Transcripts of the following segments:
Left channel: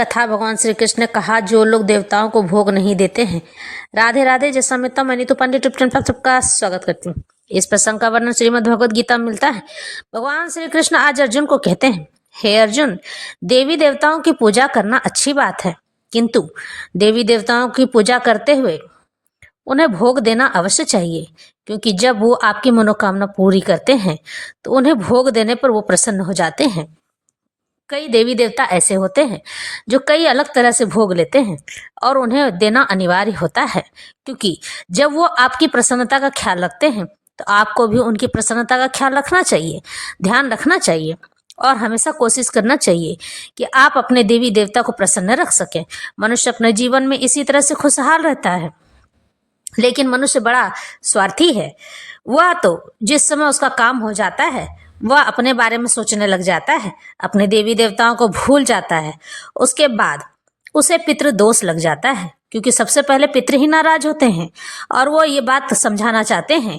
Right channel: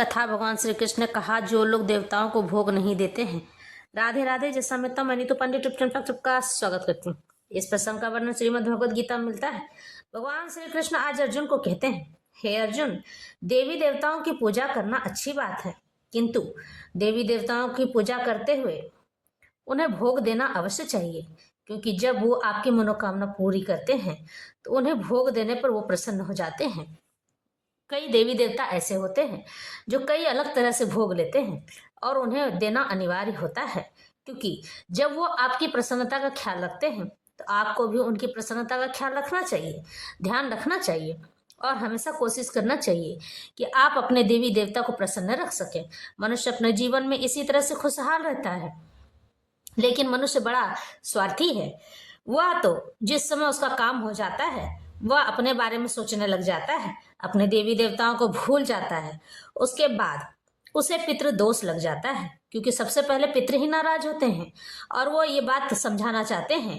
कथा भगवान श्री कृष्ण ने कहा, जो लोग देवताओं को भोग नहीं देते हैं। राधे राधे। जैसा मित्रता मैं नीतू पंडित पर सबका स्वागत करती हूँ। इस प्रसंग का वर्णन श्रीमद् भगवद गीता में मिलता है। भगवान श्री कृष्ण आज अर्जुन को कहते हैं, हे अर्जुन, देवी देवताओं की पूजा करना अच्छी बात है, किंतु देवी देवताओं की पूजा करते हुए उन्हें भोग देना अवश्य चाहिए, क्योंकि जब वो आपकी मनोकामना पूरी करते हैं तो उन्हें भोग देने पर वो प्रसन्न हो जाते हैं। कई देवी देवता ऐसे होते हैं जो कई अलग तरह से भोग लेते हैं और उन्हें देना अनिवार्य होता है, क्योंकि जब वो आपकी प्रसन्नता का ख्याल रखते हैं तो आपको भी उनकी प्रसन्नता का ख्याल रखना चाहिए, ध्यान रखना चाहिए और हमेशा कोशिश करना चाहिए कि आप अपने देवी देवता को प्रसन्न रख सकें। मनुष्य अपने जीवन में इसी तरह से खुशहाल रहता है, लेकिन मनुष्य बड़ा स्वार्थी है। वह तो जिस समय उसका काम हो जाता है वह अपने बारे में सोचने लग जाता है, अपने देवी देवताओं को भूल जाता है। उसके बाद उसे पितृ दोष लग जाता है, क्योंकि सबसे पहले पितृ ही नाराज होते हैं और वो ये बात समझाना चाहते हैं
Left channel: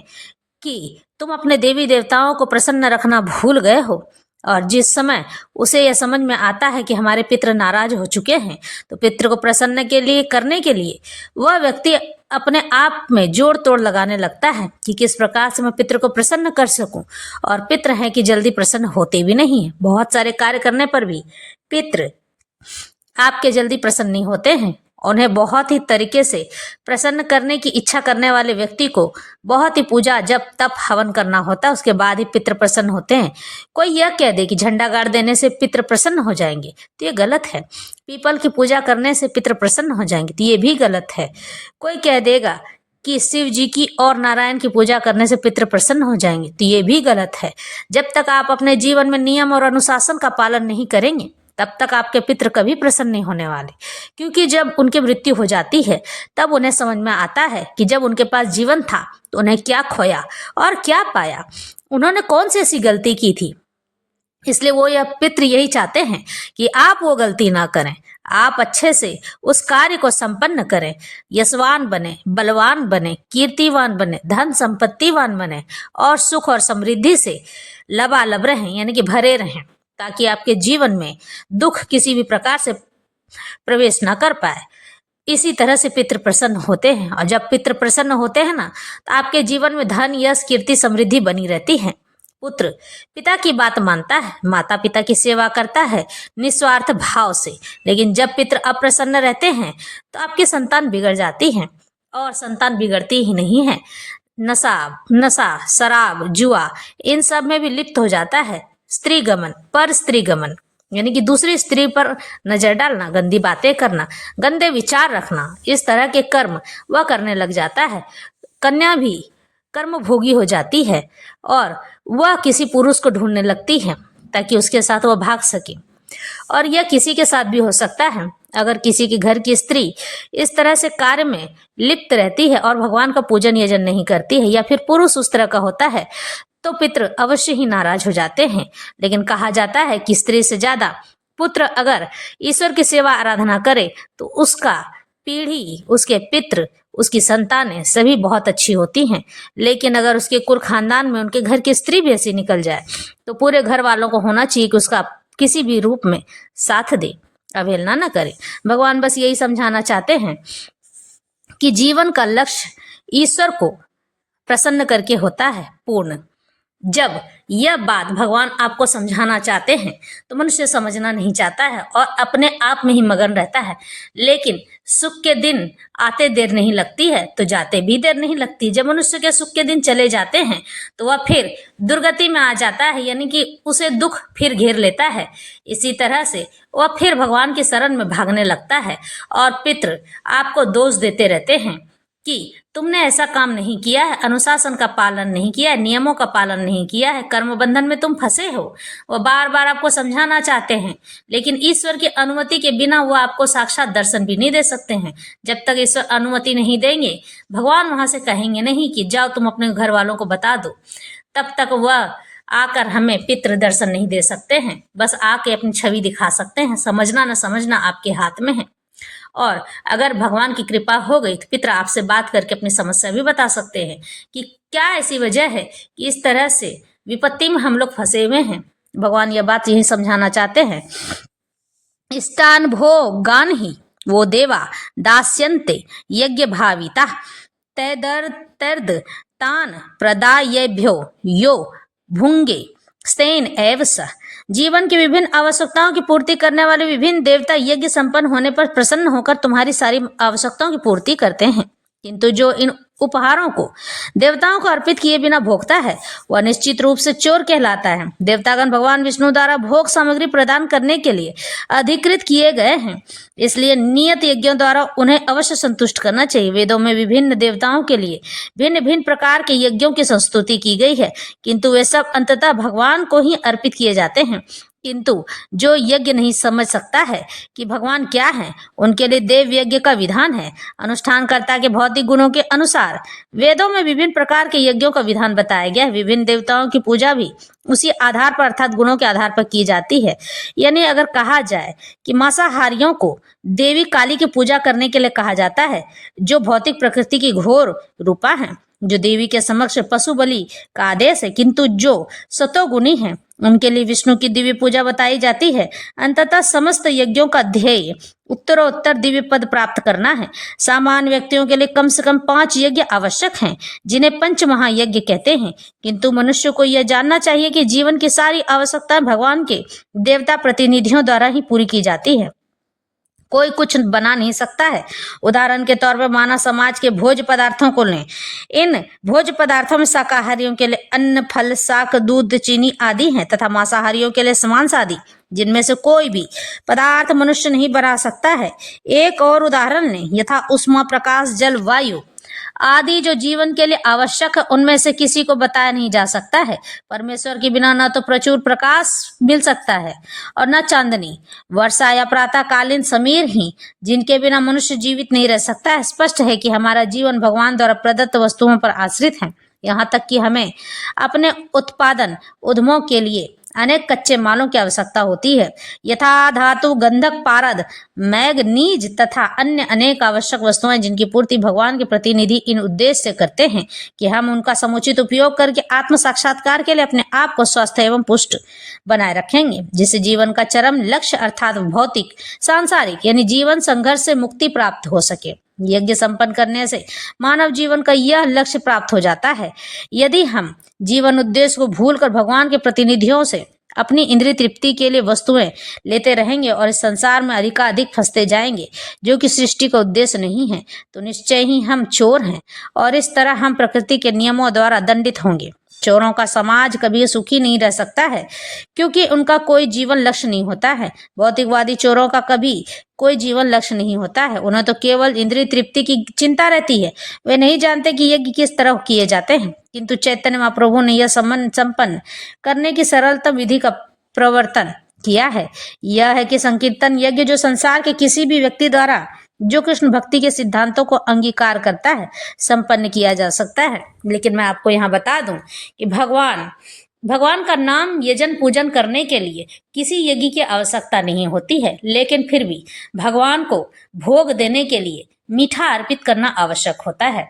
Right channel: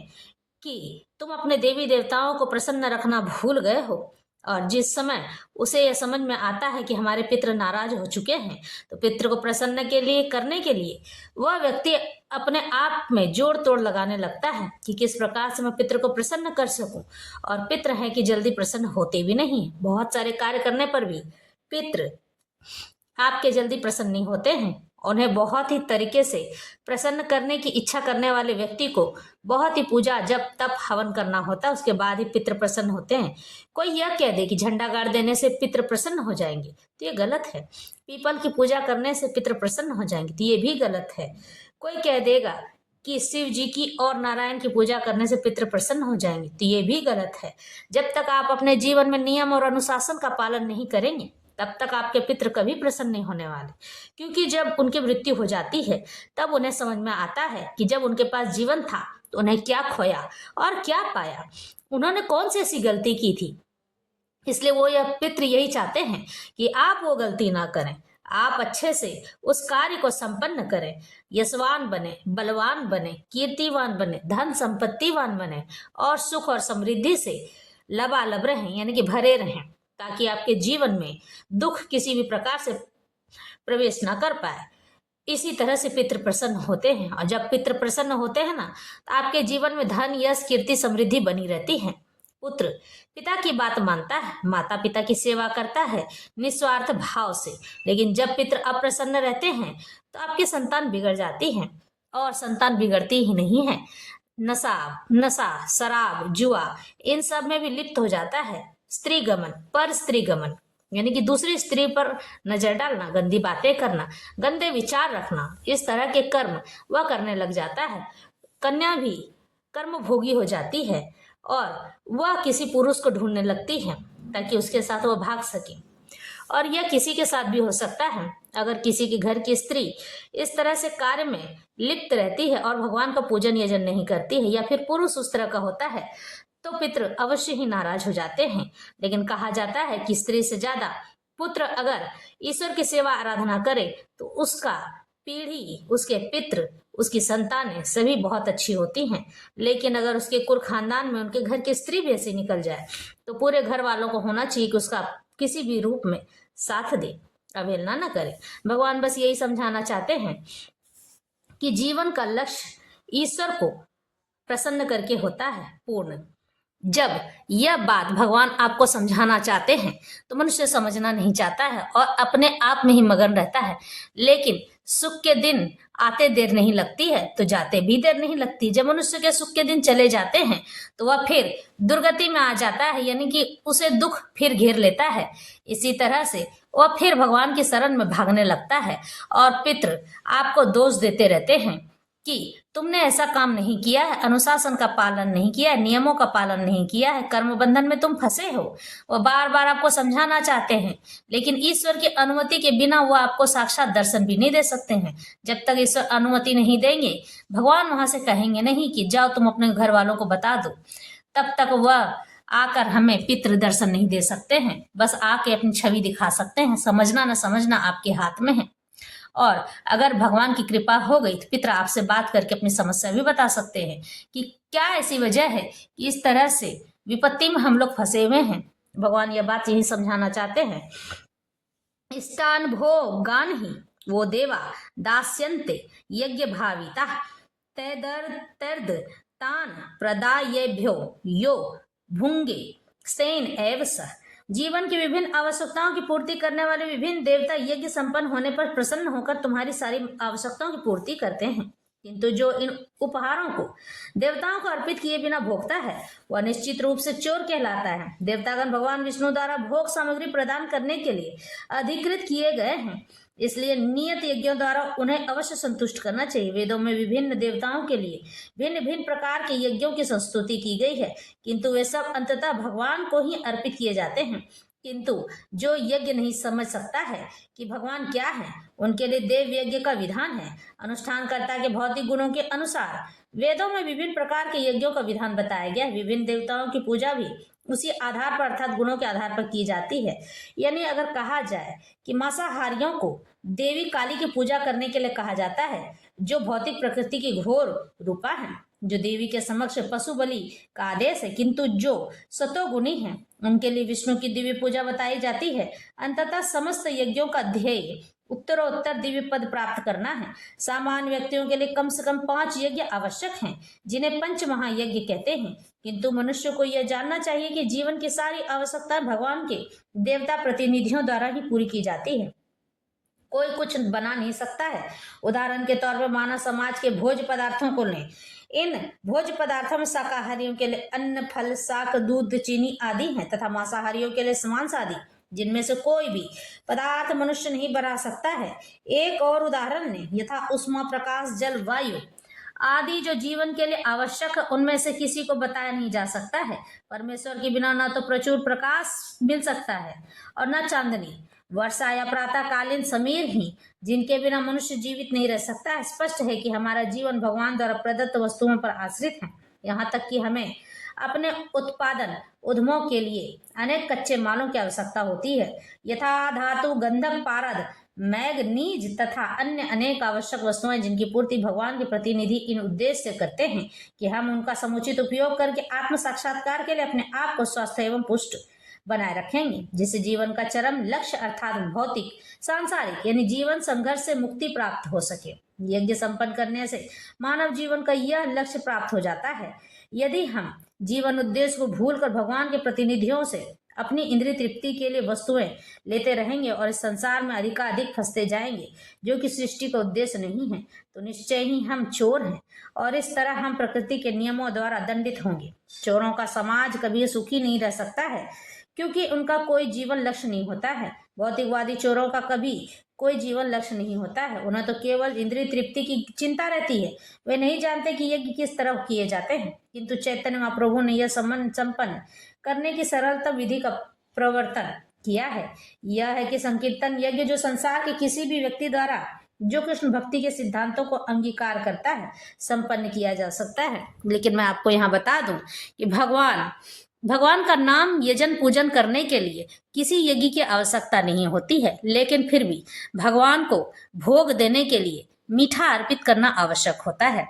कि तुम अपने देवी देवताओं को प्रसन्न रखना भूल गए हो। और जिस समय उसे यह समझ में आता है कि हमारे पितृ नाराज हो चुके हैं, तो पितृ को प्रसन्न करने के लिए वह व्यक्ति अपने आप में जोड़ तोड़ लगाने लगता है कि किस प्रकार से मैं पितृ को प्रसन्न कर सकूं। और पितृ हैं कि जल्दी प्रसन्न होते भी नहीं है। बहुत सारे कार्य करने पर भी पितृ आपके जल्दी प्रसन्न नहीं होते हैं। उन्हें बहुत ही तरीके से प्रसन्न करने की इच्छा करने वाले व्यक्ति को बहुत ही पूजा जप तप हवन करना होता है, उसके बाद ही पितृ प्रसन्न होते हैं। कोई यह कह दे कि झंडा गाड़ देने से पितृ प्रसन्न हो जाएंगे तो ये गलत है। पीपल की पूजा करने से पितृ प्रसन्न हो जाएंगे तो ये भी गलत है। कोई कह देगा कि शिव जी की और नारायण की पूजा करने से पितृ प्रसन्न हो जाएंगे तो ये भी गलत है। जब तक आप अपने जीवन में नियम और अनुशासन का पालन नहीं करेंगे तब तक आपके पितृ कभी प्रसन्न नहीं होने वाले, क्योंकि जब उनकी मृत्यु हो जाती है तब उन्हें समझ में आता है कि जब उनके पास जीवन था तो उन्हें क्या खोया और क्या पाया, उन्होंने कौन सी ऐसी गलती की थी। इसलिए वो यह पितृ यही चाहते हैं कि आप वो गलती ना करें, आप अच्छे से उस कार्य को संपन्न करें, यशवान बने, बलवान बने, कीर्तिवान बने, धन संपत्तिवान बने और सुख और समृद्धि से लबालब रहें, यानी कि भरे रहें, ताकि आपके जीवन में दुख किसी भी प्रकार से प्रवेश ना कर पाए। इसी तरह से पितृ प्रसन्न होते हैं और जब पितृ प्रसन्न होते हैं ना तो आपके जीवन में धन यश कीर्ति समृद्धि बनी रहती है। पुत्र पिता की बात मानता है, माता पिता की सेवा करता है निस्वार्थ भाव से, लेकिन जब पितृ अप्रसन्न रहते हैं तो आपकी संतान बिगड़ जाती है। और संतान बिगड़ती ही नहीं है, नशा शराब जुआ इन सब में भी लिप्त हो जाता है। स्त्री गमन पर स्त्री गमन, यानी कि दूसरी स्त्री पर नजर डालना, गंदी बातें करना, गंदे विचार रखना, इस तरह के कर्म वह करने लग जाता है। कन्या भी कर्म भोगी हो जाती है और वह किसी पुरुष को ढूंढने लगती है ताकि उसके साथ वह भाग सके। और यह किसी के साथ भी हो सकता है। अगर किसी के घर की स्त्री इस तरह से कार्य में लिप्त रहती है और भगवान का पूजन यजन नहीं करती है, या फिर पुरुष उस तरह का होता है, तो पितृ अवश्य ही नाराज हो जाते हैं। लेकिन कहा जाता है कि स्त्री से ज्यादा पुत्र अगर ईश्वर की सेवा आराधना करे तो उसका पीढ़ी, उसके पितृ, उसकी संतानें सभी बहुत अच्छी होती हैं। लेकिन अगर उसके कुल खानदान में उनके घर की स्त्री भी ऐसी निकल जाए तो पूरे घर वालों को होना चाहिए कि उसका किसी भी रूप में साथ दे, अवहेलना न करे। भगवान बस यही समझाना चाहते हैं कि जीवन का लक्ष्य ईश्वर को प्रसन्न करके होता है पूर्ण। जब यह बात भगवान आपको समझाना चाहते हैं तो मनुष्य समझना नहीं चाहता है और अपने आप में ही मगन रहता है। लेकिन सुख के दिन आते देर नहीं लगती है तो जाते भी देर नहीं लगती। जब मनुष्य के सुख के दिन चले जाते हैं तो वह फिर दुर्गति में आ जाता है, यानी कि उसे दुख फिर घेर लेता है। इसी तरह से वह फिर भगवान की शरण में भागने लगता है और पितृ आपको दोष देते रहते हैं कि तुमने ऐसा काम नहीं किया है, अनुशासन का पालन नहीं किया है, नियमों का पालन नहीं किया है, कर्म बंधन में तुम फंसे हो। वो बार बार आपको समझाना चाहते हैं, लेकिन ईश्वर की अनुमति के बिना वो आपको साक्षात दर्शन भी नहीं दे सकते हैं। जब तक ईश्वर अनुमति नहीं देंगे, भगवान वहां से कहेंगे नहीं कि जाओ तुम अपने घर वालों को बता दो, तब तक वह आकर हमें पितृ दर्शन नहीं दे सकते हैं। बस आके अपनी छवि दिखा सकते हैं। समझना न समझना आपके हाथ में है। और अगर भगवान की कृपा हो गई तो पितृ आपसे बात करके अपनी समस्या भी बता सकते हैं कि क्या ऐसी वजह है कि इस तरह से विपत्ति में हम लोग फंसे हुए हैं। भगवान यह बात यही समझाना चाहते हैं इष्टान भोगान ही वो देवा दास्यन्ते यज्ञ भाविता तैदर्तर्द तान प्रदायेभ्यो यो भुंगे स्तेन एव स। जीवन की विभिन्न आवश्यकताओं की पूर्ति करने वाले विभिन्न देवता यज्ञ संपन्न होने पर प्रसन्न होकर तुम्हारी सारी आवश्यकताओं की पूर्ति करते हैं, किंतु जो इन उपहारों को देवताओं को अर्पित किए बिना भोगता है वह निश्चित रूप से चोर कहलाता है। देवतागण भगवान विष्णु द्वारा भोग सामग्री प्रदान करने के लिए अधिकृत किए गए हैं, इसलिए नियत यज्ञों द्वारा उन्हें अवश्य संतुष्ट करना चाहिए। वेदों में विभिन्न देवताओं के लिए भिन्न भिन्न प्रकार के यज्ञों की संस्तुति की गई है, किंतु वे सब अंततः भगवान को ही अर्पित किए जाते हैं। किंतु जो यज्ञ नहीं समझ सकता है कि भगवान क्या है, उनके लिए देव यज्ञ का विधान है। अनुष्ठानकर्ता के भौतिक गुणों के अनुसार वेदों में विभिन्न प्रकार के यज्ञों का विधान बताया गया है। विभिन्न देवताओं की पूजा भी उसी आधार पर अर्थात गुणों के आधार पर की जाती है। यानी अगर कहा जाए कि मांसाहारियों को देवी काली की पूजा करने के लिए कहा जाता है, जो भौतिक प्रकृति की घोर रूपा है, जो देवी के समक्ष पशु बलि का आदेश है, किंतु जो सतोगुणी हैं उनके लिए विष्णु की दिव्य पूजा बताई जाती है। अंततः समस्त यज्ञों का ध्येय उत्तरोत्तर दिव्य पद प्राप्त करना है। सामान्य व्यक्तियों के लिए कम से कम 5 यज्ञ आवश्यक हैं, जिन्हें पंच महायज्ञ कहते हैं, किंतु मनुष्य को यह जानना चाहिए कि जीवन की सारी आवश्यकताएं भगवान के देवता प्रतिनिधियों द्वारा ही पूरी की जाती है। कोई कुछ बना नहीं सकता है। उदाहरण के तौर पर मानव समाज के भोज्य पदार्थों को लें। इन भोज्य पदार्थों में शाकाहारियों के लिए अन्न, फल, शाक, दूध, चीनी आदि हैं तथा मांसाहारियों के लिए मांस आदि, जिनमें से कोई भी पदार्थ मनुष्य नहीं बना सकता है। एक और उदाहरण लें, यथा उष्मा, प्रकाश, जल, वायु आदि जो जीवन के लिए आवश्यक है, उनमें से किसी को बताया नहीं जा सकता है। परमेश्वर के बिना न तो प्रचुर प्रकाश मिल सकता है और न चांदनी, वर्षा या प्रातःकालीन समीर ही, जिनके बिना मनुष्य जीवित नहीं रह सकता है। स्पष्ट है कि हमारा जीवन भगवान द्वारा प्रदत्त वस्तुओं पर आश्रित है, यहाँ तक कि हमें अपने उत्पादन उद्यमों के लिए अनेक कच्चे मालों की आवश्यकता होती है, यथा धातु, गंधक, पारद, मैग्नीज तथा अन्य अनेक आवश्यक वस्तुएं, जिनकी पूर्ति भगवान के प्रतिनिधि इन उद्देश्य से करते हैं कि हम उनका समुचित उपयोग करके आत्म साक्षात्कार के लिए अपने आप को स्वस्थ एवं पुष्ट बनाए रखेंगे, जिससे जीवन का चरम लक्ष्य अर्थात भौतिक सांसारिक यानी जीवन संघर्ष से मुक्ति प्राप्त हो सके। यज्ञ संपन्न करने से मानव जीवन का यह लक्ष्य प्राप्त हो जाता है। यदि हम जीवन उद्देश्य को भूलकर भगवान के प्रतिनिधियों से अपनी इंद्रिय तृप्ति के लिए वस्तुएं लेते रहेंगे और इस संसार में अधिकाधिक फंसते जाएंगे, जो कि सृष्टि का उद्देश्य नहीं है, तो निश्चय ही हम चोर हैं और इस तरह हम प्रकृति के नियमों द्वारा दंडित होंगे। चोरों का समाज कभी सुखी नहीं रह सकता है, क्योंकि उनका कोई जीवन लक्ष्य नहीं होता है। भौतिकवादी चोरों का कभी कोई जीवन लक्ष्य नहीं होता है, उन्हें तो केवल इंद्रिय तृप्ति की चिंता रहती है। वे नहीं जानते कि यज्ञ किस तरह किए जाते हैं, किंतु चैतन्य महाप्रभु ने यह संपन्न करने की सरलतम विधि का प्रवर्तन किया है। यह है कि संकीर्तन यज्ञ, जो संसार के किसी भी व्यक्ति द्वारा जो कृष्ण भक्ति के सिद्धांतों को अंगीकार करता है, संपन्न किया जा सकता है। लेकिन मैं आपको यहाँ बता दूं कि भगवान का नाम यजन पूजन करने के लिए किसी यज्ञ की आवश्यकता नहीं होती है, लेकिन फिर भी भगवान को भोग देने के लिए मीठा अर्पित करना आवश्यक होता है।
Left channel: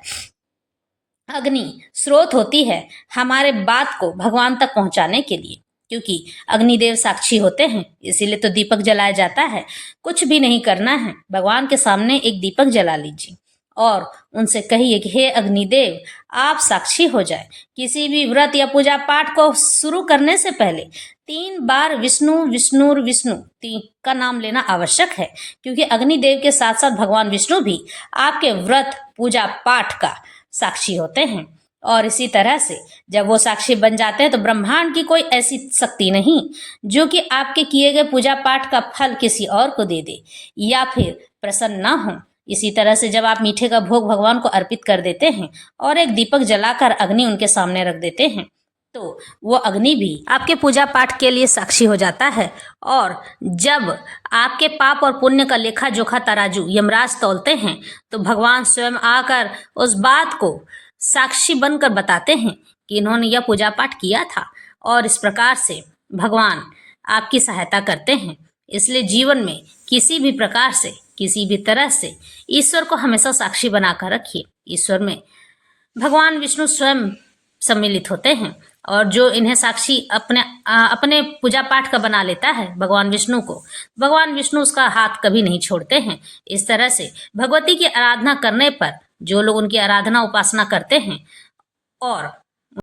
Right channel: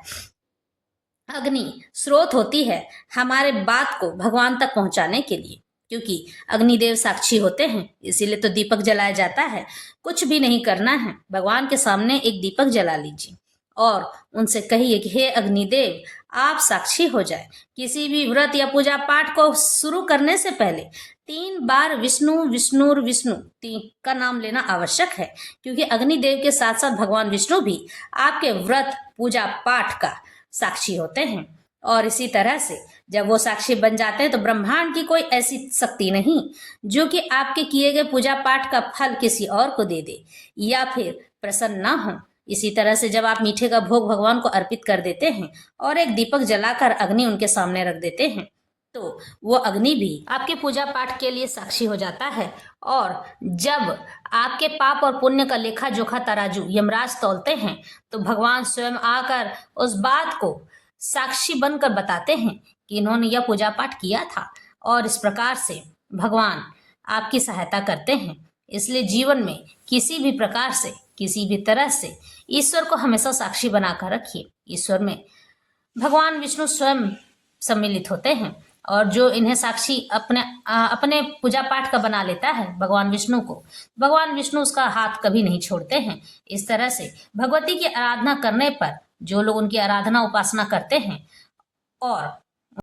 अग्नि स्रोत होती है हमारे बात को भगवान तक पहुंचाने के लिए, क्योंकि अग्निदेव साक्षी होते हैं, इसीलिए तो दीपक जलाया जाता है। कुछ भी नहीं करना है, भगवान के सामने एक दीपक जला लीजिए और उनसे कहिए कि हे अग्निदेव, आप साक्षी हो जाए। किसी भी व्रत या पूजा पाठ को शुरू करने से पहले 3 बार विष्णु विष्णुर विष्णु का नाम लेना आवश्यक है, क्योंकि अग्निदेव के साथ साथ भगवान विष्णु भी आपके व्रत पूजा पाठ का साक्षी होते हैं। और इसी तरह से जब वो साक्षी बन जाते हैं तो ब्रह्मांड की कोई ऐसी शक्ति नहीं जो कि आपके किए गए पूजा पाठ का फल किसी और को दे दे या फिर प्रसन्न ना हो। इसी तरह से जब आप मीठे का भोग भगवान को अर्पित कर देते हैं और एक दीपक जलाकर अग्नि उनके सामने रख देते हैं, तो वो अग्नि भी आपके पूजा पाठ के लिए साक्षी हो जाता है। और जब आपके पाप और पुण्य का लेखा जोखा तराजू यमराज तौलते हैं, तो भगवान स्वयं आकर उस बात को साक्षी बनकर बताते हैं कि इन्होंने यह पूजा पाठ किया था, और इस प्रकार से भगवान आपकी सहायता करते हैं। इसलिए जीवन में किसी भी प्रकार से किसी भी तरह से ईश्वर को हमेशा साक्षी बनाकर रखिए। ईश्वर में भगवान विष्णु स्वयं सम्मिलित होते हैं। और जो इन्हें साक्षी अपने पूजा पाठ का बना लेता है भगवान विष्णु को, भगवान विष्णु उसका हाथ कभी नहीं छोड़ते हैं। इस तरह से भगवती की आराधना करने पर जो लोग उनकी आराधना उपासना करते हैं और